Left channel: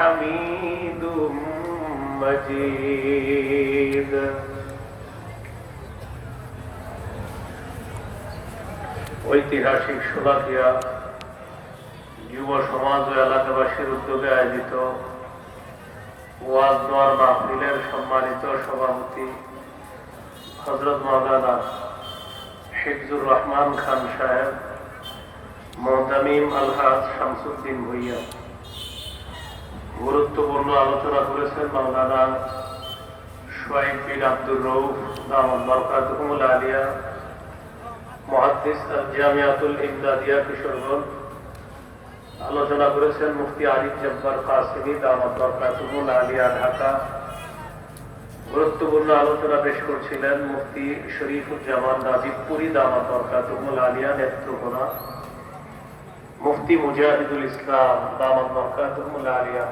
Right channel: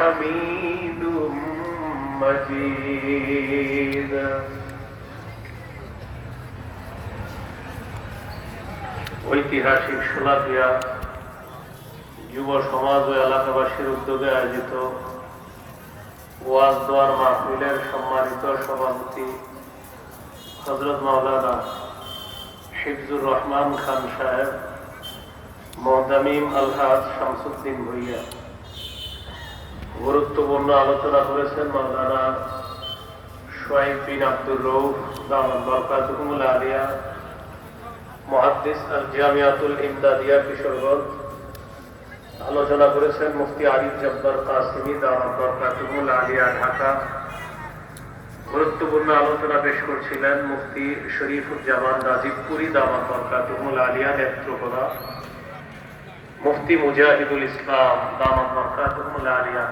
حميد مجيد ঐতিহাসিক সোলাপিয়া যুব সমাজ ও এলাকাবাসীর উদ্যোগে আয়োজিত ওয়াজ দোয়ার মাহফিলের সম্মানিত সভাপতি হজরত মৌলানা শিবজুর রহমান খান সাহেব মহতামিম আলহাজ শামসুদ্দিন ভুইয়া গুরুত্বপূর্ণ আলোচনা করেছেন মাওলানা বিন আব্দুর রৌফ বরকাতুল আলিয়া, মহাদ্দিস আল জামিয়াতুল ইমদাদিয়া কিশোরগঞ্জ। আলোচনা করেছেন মুফতি আরিফ আলিয়া, ঢাকা। গুরুত্বপূর্ণ আলোচনা পেশ করছিলেন মুফতি শরীফুজ্জামান নাজিবপুরি দামাত বরকাতুল আলিয়া নেত্রকোনা। মুফতি মুজাহিদুল ইসলাম দামাত বরকাতুল আলিয়া